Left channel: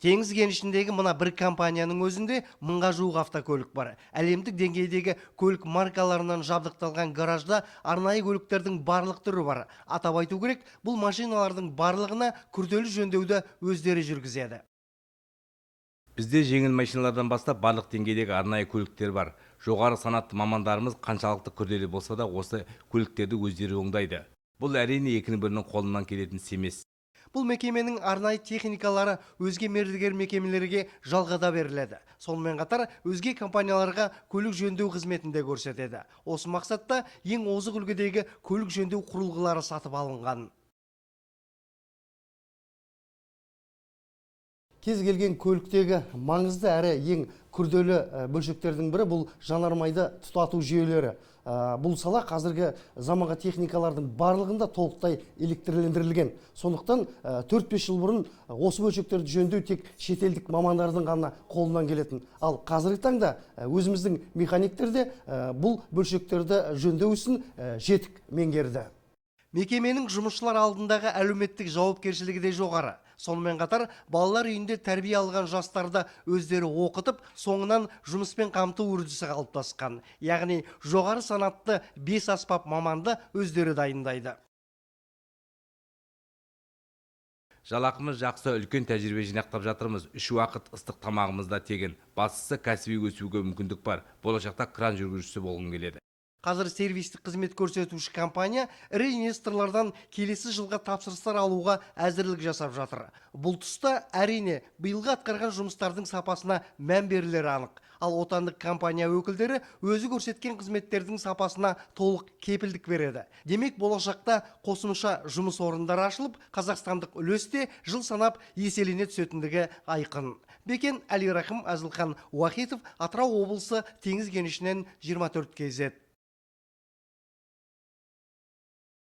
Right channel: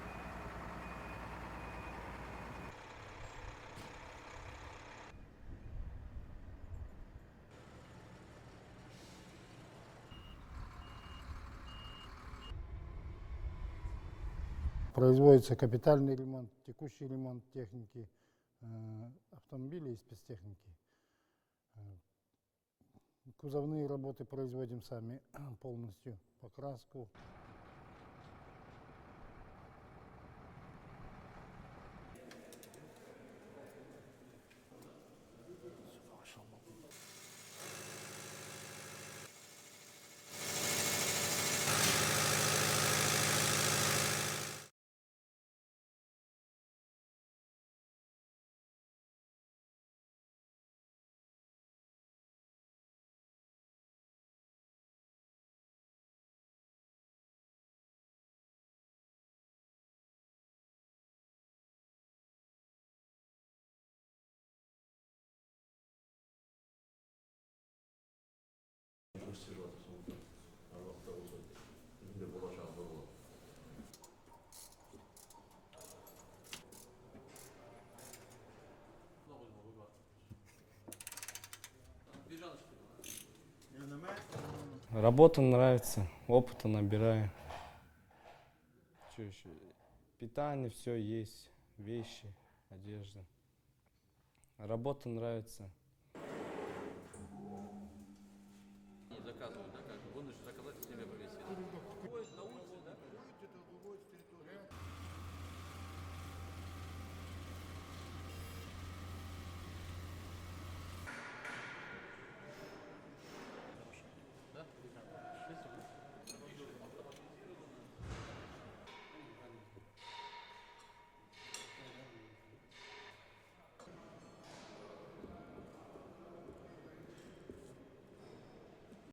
Теңіз кенішіндегі мына бір компанияның өзінде 1000-ға жуық автокөлік бар. Әлемдік деңгейдегі көлік маркаларынан жабдықталған гаражда арнайы көліктердің барлық түрі бар. Атап айту керек, бұл машиналардың барлығына күрделі жөндеуді өздері жүргізеді. Производится капитальный. Бізде жеңіл машиналардан бастап барлық деңгейдегі арнайы көліктер бар. Жоғары санатты мамандарымыз қаншалықты күрделі болса да осы көліктерді өздері оңдайды. Бұл әрине екінің бірінің қолынан келетін іс емес. Бұл мекеменің арнайы техникалары өзге мердігер мекемелерге жалғада беріледі. Сонымен қатар өзге компанияларға көлік жөндеу қызметінде көрсетеді. Осы мақсатта ең озық үлгідегі көлік жөндеу құрылғылары сатып алынған. Кез келген көліктегі маңызды әрі ең күрделі бөлшектердің бірі бұл жанармайды тұтату жүйелері. Бұл сала қазіргі заманғы техникалардың барлығында толықтай электрлендірілген. Сондықтан 4-5 жыл бұрын осы бөлшектерді жөндеу тек шетелдік мамандардың ғана қолынан келетін. Ал қазіргі таңда өзіміздің механиктер де бұл бөлшектерді жөндеу ісін жетік меңгерді. Мекеменің жұмысшылар алдындағы әлеуметтік жауапкершілігі де жоғары. Сонымен қатар балалар үйінде тәрбие алған жастарды өздері оқытып, соңынан жұмыспен қамту үрдісі қалыптасқан. Яғни жоғары санатты 5 аспап маманды өздері дайындайды. Работа нравится, опыта набираю. Жалақымыз жақсы, үлкен тәжірибе жинақтап жатырмыз. 3 уақыт ыстық тамағымыз да тегін. Бастысы кәсіби өсуге мүмкіндік бар. Болашақта кран жүргізушісі болғым келеді. Қазір сервистік қызмет көрсетуші компания ірі инвесторлардан келесі жылға тапсырыстар алуға әзірлік жасап жатыр. Бұл тұста әрине биылғы атқарған жұмыстардың сапасына мән берілері анық. Ал отандық компания өкілдері өзі көрсеткен қызметтердің сапасына толық кепілдік береді. Демек болашақта қосымша жұмыс орындары ашылып, қазақстандық үлесте жыл санап еселене түсетіндігі айқын. Бекен Әлирахым, Әзілхан Уахитов, Атырау облысы Теңіз кенішінен 24 KZ.